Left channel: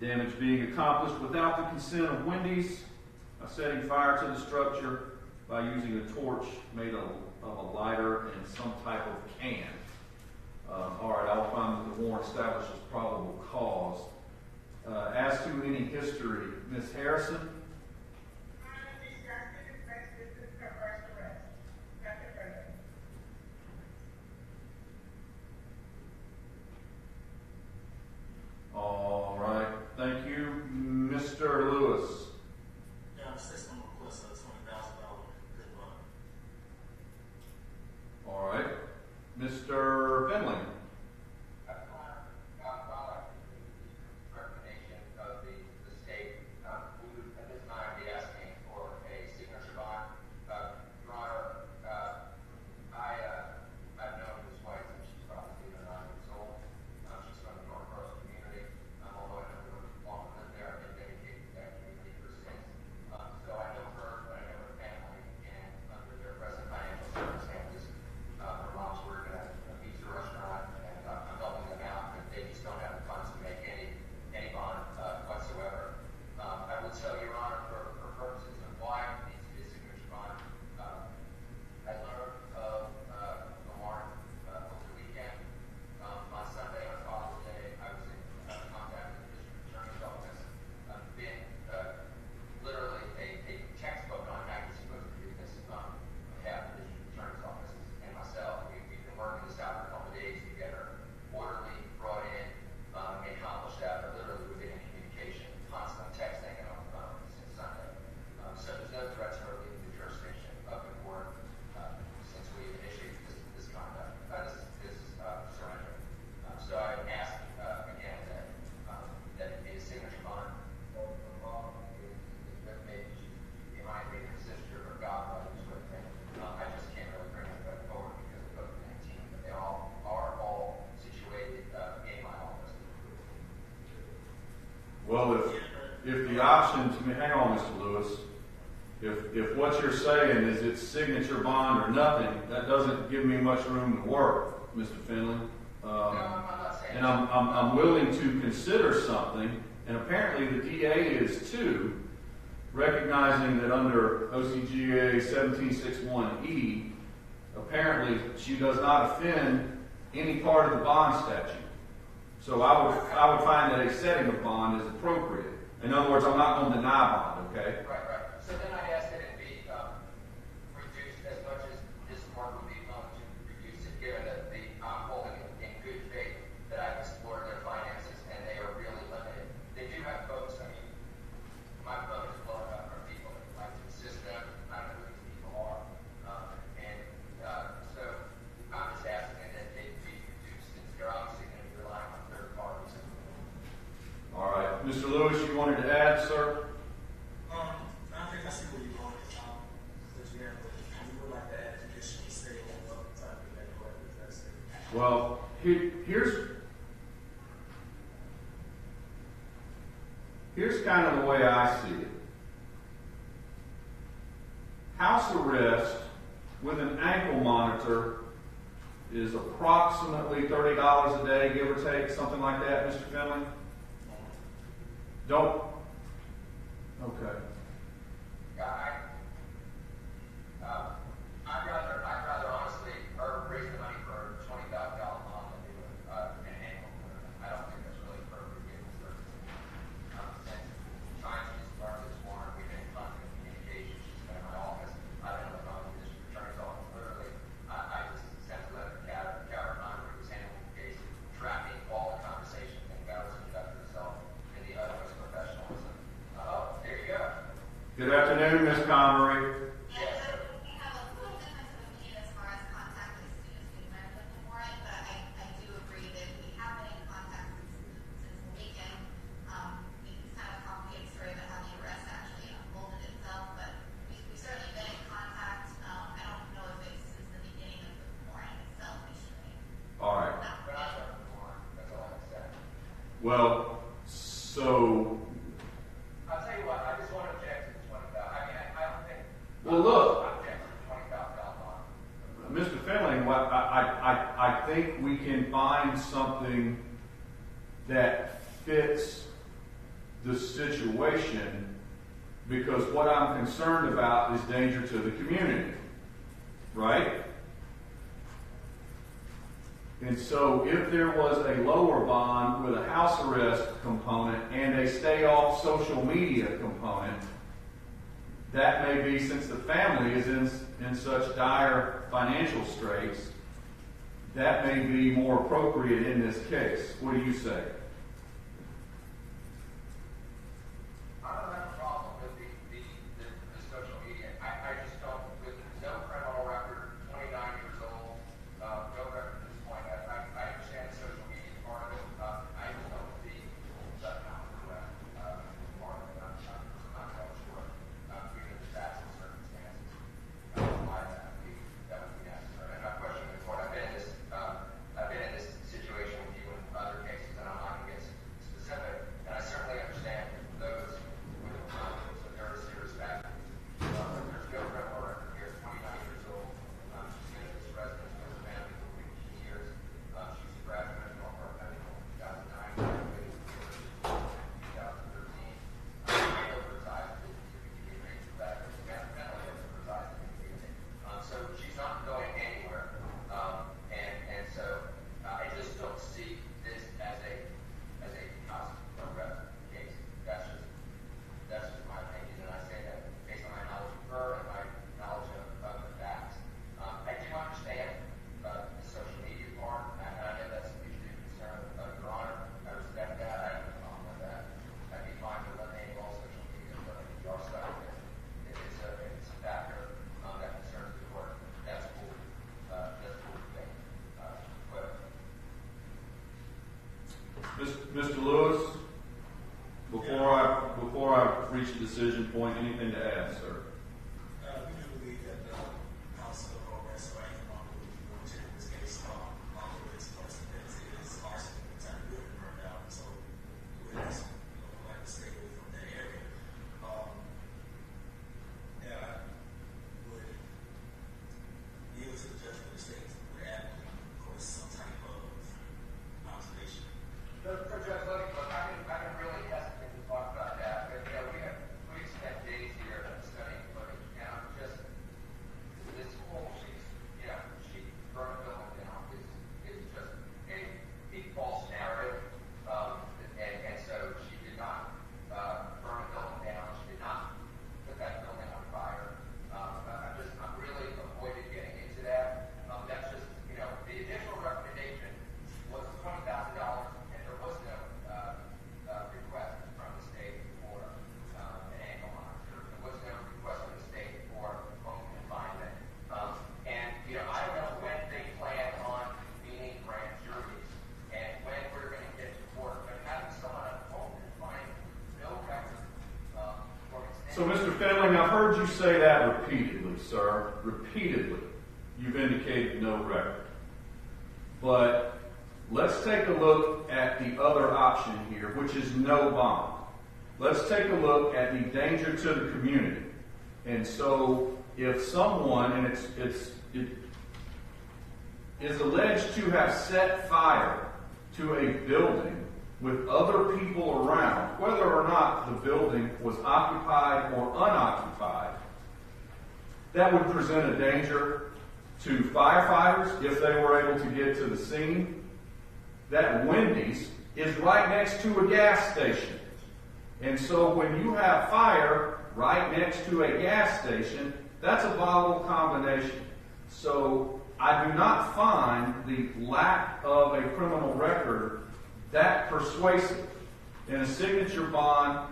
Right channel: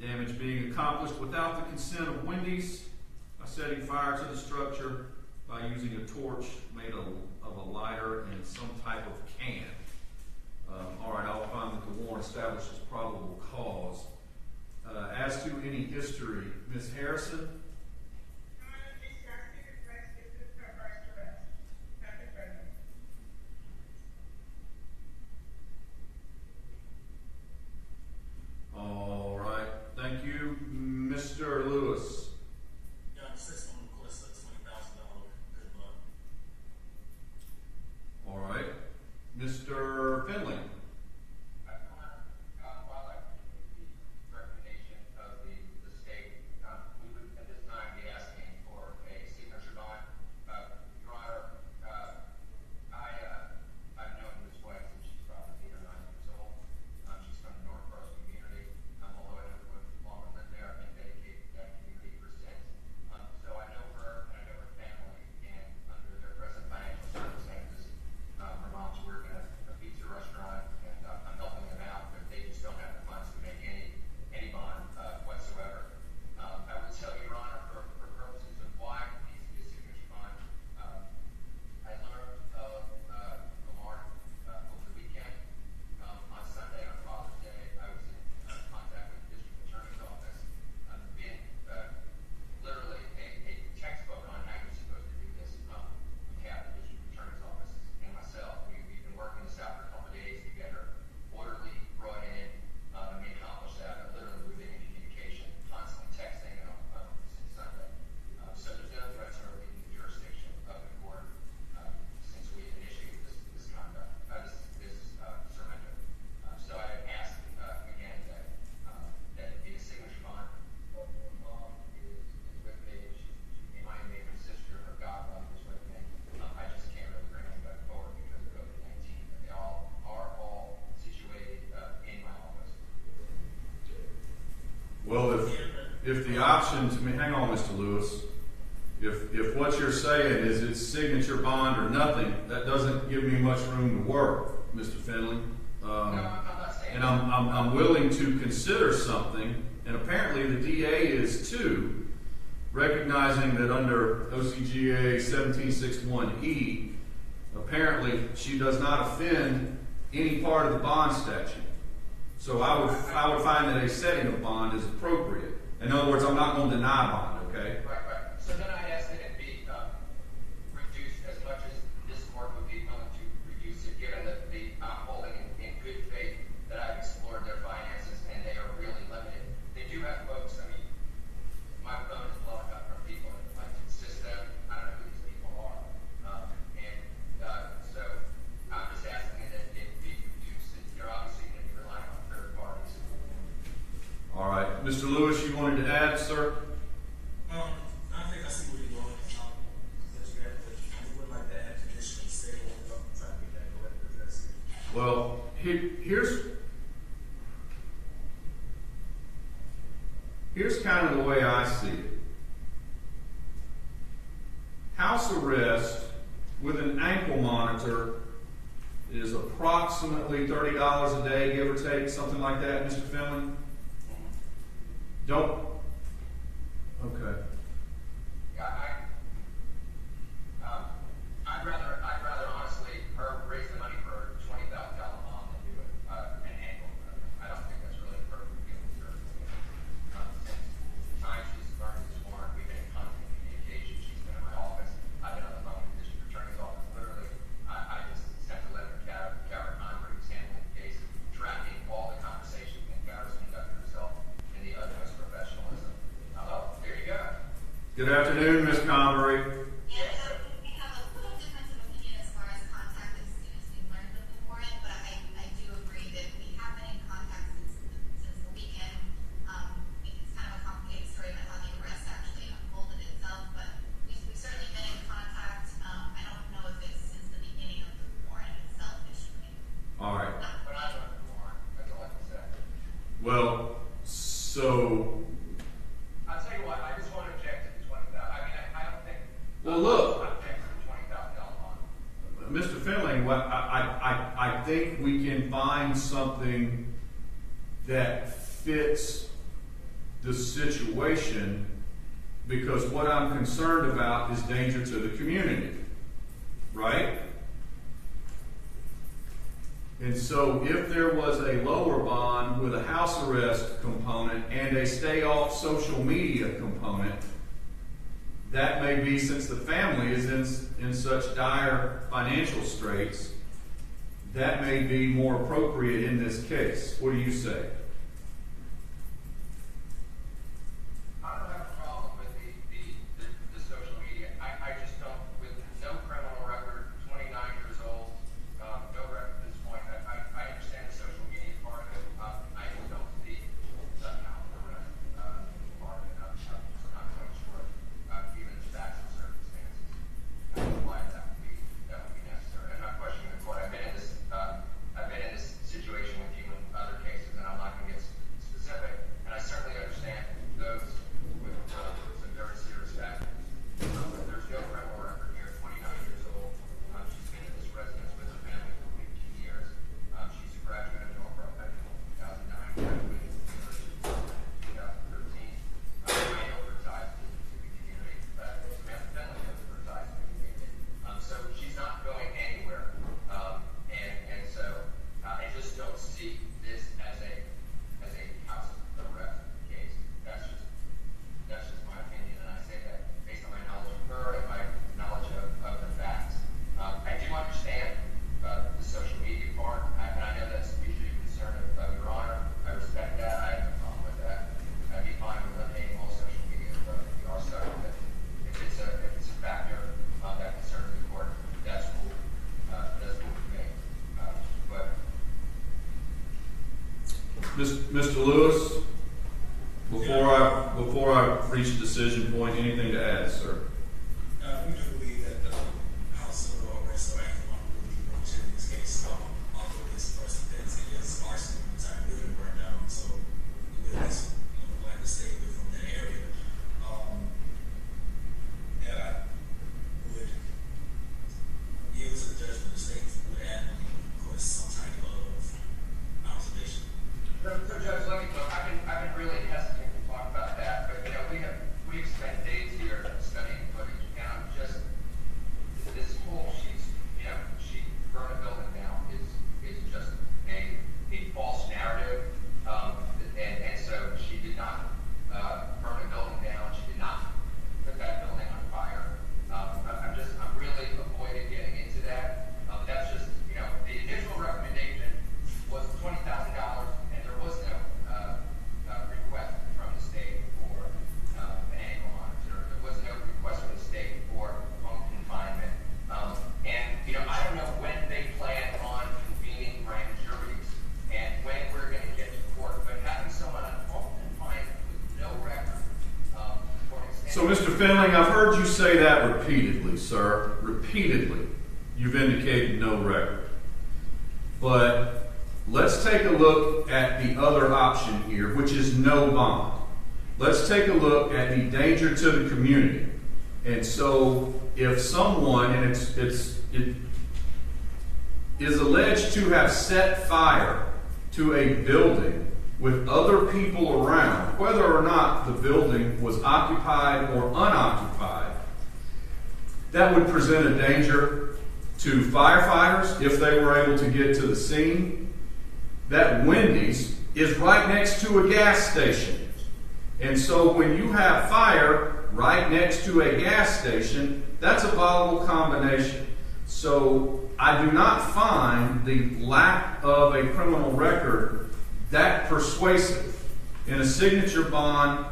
Damage being accomplished without the consent of Wendy's by setting fire to the structure by using a torch made of a lighter and some type of can. All right, I'll find that the warrant establishes probable cause. As to any history, Ms. Harrison? All right, thank you. Mr. Lewis? Yeah, I'm $6 million plus $20,000 good luck. All right. Mr. Finley? Well, if the option to me, hang on, Mr. Lewis. If what you're saying is it's signature bond or nothing, that doesn't give me much room to work, Mr. Finley. And I'm willing to consider something, and apparently the DA is too, recognizing that under OCGA 1761E, apparently she does not offend any part of the bond statute. So I would find that a setting of bond is appropriate. In other words, I'm not going to deny bond, okay? Right. So then I asked that it be reduced as much as this court would be willing to reduce it, given that I'm holding in good faith that I've explored their finances and they are really limited. They do have folks, I mean, my phone is blowing up from people that like to assist them. I don't know who these people are. So I'm just asking that it be reduced. You're obviously going to be relying on third parties. All right. Mr. Lewis, you wanted to add, sir? I think I see where you're going, Tom. Because we would like to add traditional state and try to get that correct. Well, here's kind of the way I see it. House arrest with an ankle monitor is approximately $30 a day, give or take, something like that, Mr. Finley? Don't. Okay. Yeah, I'd rather honestly raise the money for a $20,000 bond than do an annual. I don't think that's really appropriate given the circumstances. Since the time she started this warrant, we've been in constant communication. She's been in my office. I've been on the phone with the district attorney's office. Literally, I just sent a letter to Goward Connery, who's handling the case, tracking all the conversations that Goward's conducted herself in the utmost professionalism. Oh, there you go. Good afternoon, Ms. Convery. We have a little difference of opinion as far as contact as soon as we learned of the warrant, but I do agree that we have been in contact since the weekend. It's kind of a complicated story about how the arrest actually unfolded itself, but we've certainly been in contact. I don't know if it's since the beginning of the warrant itself issuing. All right. But I learned the warrant. That's all I can say. Well, so, I'll tell you what, I just want to object to the $20,000. I mean, I don't think. well, look, I object to the $20,000 bond. Mr. Finley, I think we can find something that fits the situation, because what I'm concerned about is danger to the community, right? And so if there was a lower bond with a house arrest component and a stay off social media component, that may be, since the family is in such dire financial straits, that may be more appropriate in this case. What do you say? I don't have a problem with the social media. I just don't, with no criminal record, 29 years old, no record at this point. I understand the social media part of it. I just don't see somehow that part of it. I'm not quite sure, given the facts and circumstances, why that would be necessary. I'm not questioning the court. I've been in this situation with you in other cases, and I'm not going to get specific. And I certainly understand those with some very serious factors. But there's no criminal record here. 29 years old. She's been in this residence with her family for 15 years. She's a graduate of Norfolk Medical in 2009, graduated from the University of 2013. I know her ties to the community. In fact, there's mental her ties to the community. So she's not going anywhere. And so I just don't see this as a house arrest case. That's just my opinion, and I say that based on my knowledge of her and my knowledge of the facts. I do understand the social media part, and I know that's an issue of concern of Your Honor. I respect that. I have no problem with that. I'd be fine with eliminating all social media, but we are stuck with it. If it's a factor that concerns the court, that's cool. That's cool with me. But Mr. Lewis, before I reach a decision point, anything to add, sir? We do believe that the house arrest or active on would be appropriate in this case. Although this person that is largely the entire building burned down, so we would at least, like to stay away from that area. And I would yield to the judgment of the state would add, of course, some type of observation. No, Judge, let me look. I've been really hesitant to talk about that, but we've spent days here studying footage, and I'm just this whole she burned a building down is just a false narrative, and so she did not burn a building down. She did not put that building on fire. I'm really avoiding getting into that. That's just the initial recommendation was $20,000, and there was no request from the state for an ankle monitor. There was no request from the state for home confinement. And I don't know when they plan on convening grand juries and when we're going to get to court, but having someone on home confinement with no record for an extended So, Mr. Finley, I've heard you say that repeatedly, sir. Repeatedly. You've indicated no record. But let's take a look at the other option here, which is no bond. Let's take a look at the danger to the community. And so, if someone, and it is alleged to have set fire to a building with other people around, whether or not the building was occupied or unoccupied, that would present a danger to firefighters if they were able to get to the scene. That Wendy's is right next to a gas station. And so when you have fire right next to a gas station, that's a volatile combination. So I do not find the lack of a criminal record that persuasive. And a signature bond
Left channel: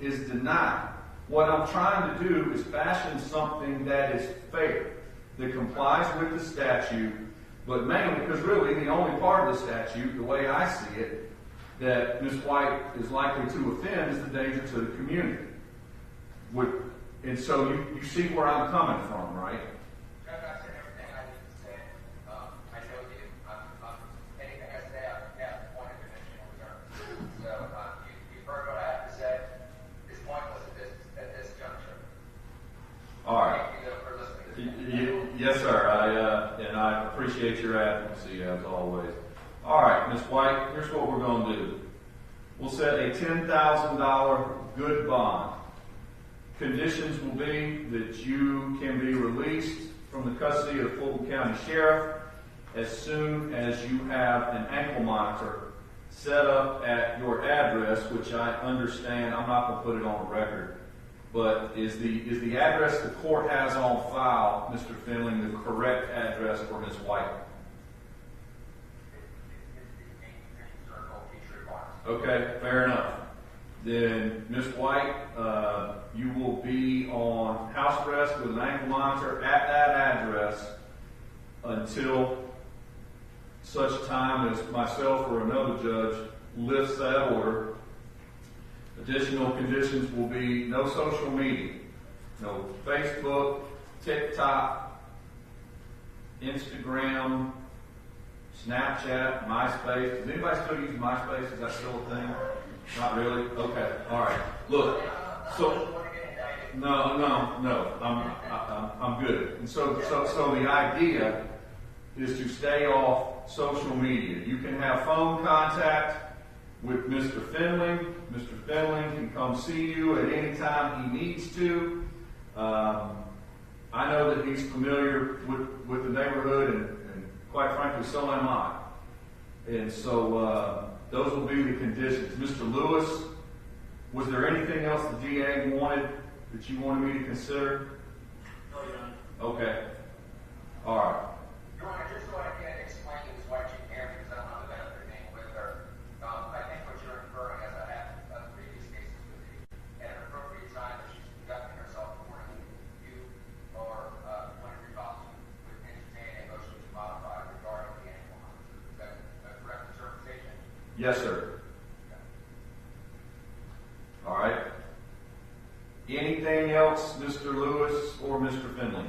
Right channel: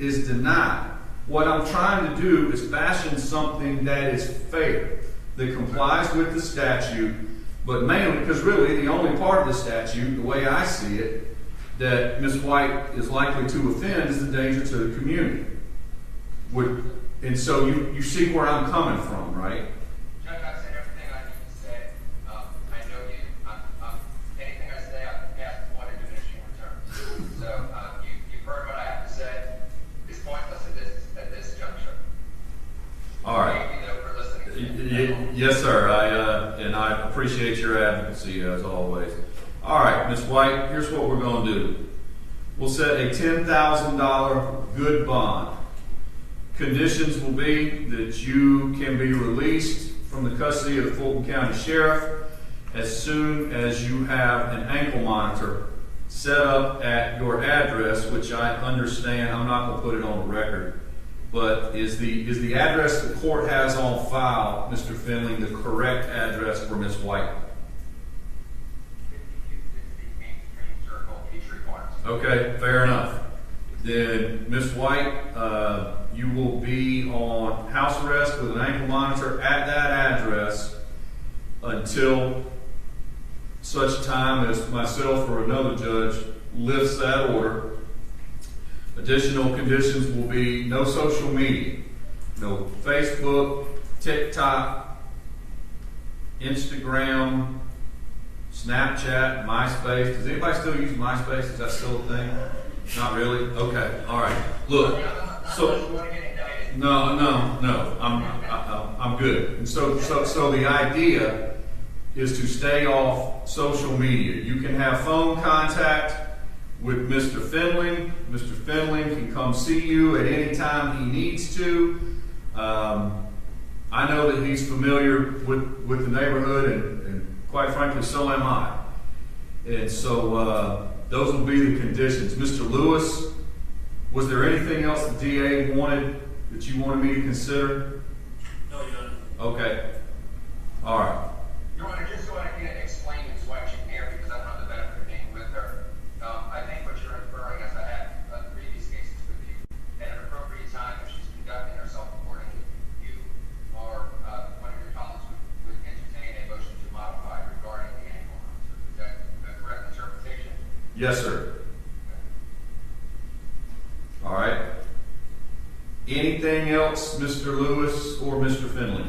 is denied. What I'm trying to do is fashion something that is fair, that complies with the statute, but mainly because really the only part of the statute, the way I see it, that Ms. White is likely to offend is the danger to the community. And so you see where I'm coming from, right? Judge, I've said everything I need to say. I know you. Anything I say, I've asked one in diminishing return. So you've heard what I have to say. It's pointless at this juncture. All right. Thank you, though, for listening. Yes, sir. And I appreciate your advocacy as always. All right, Ms. White, here's what we're going to do. will set a $10,000 good bond. Conditions will be that you can be released from the custody of the Fulton County Sheriff as soon as you have an ankle monitor set up at your address, which I understand, I'm not going to put it on the record, but is the address the court has on file, Mr. Finley, the correct address for Ms. White? 5260 Main Street Circle, Peachtree Corners. Okay, fair enough. Then, Ms. White, you will be on house arrest with an ankle monitor at that address until such time as myself or another judge lifts that order. Additional conditions will be no social media, no Facebook, TikTok, Instagram, Snapchat, MySpace. Does anybody still use MySpace? Is that still a thing? Not really? Okay, all right. Look, so no, I'm good. And so the idea is to stay off social media. You can have phone contact with Mr. Finley. Mr. Finley can come see you at any time he needs to. I know that he's familiar with the neighborhood, and quite frankly, so am I. And so those will be the conditions. Mr. Lewis, was there anything else the DA wanted that you wanted me to consider? No, Your Honor. Okay. All right. Your Honor, just so I can explain Ms. White, she can hear because I don't have the benefit of being with her. I think what you're inferring, as I have previous cases with you, at an appropriate time, if she's conducting herself accordingly, you or one of your colleagues would entertain a motion to modify regarding the ankle monitor. Is that a correct interpretation? Yes, sir. All right. Anything else, Mr. Lewis or Mr. Finley?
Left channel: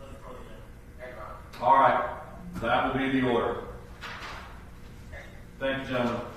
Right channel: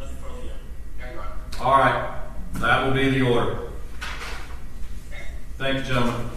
Nothing further, Your Honor. Yeah, Your Honor. All right. That will be the order. Thank you, gentlemen.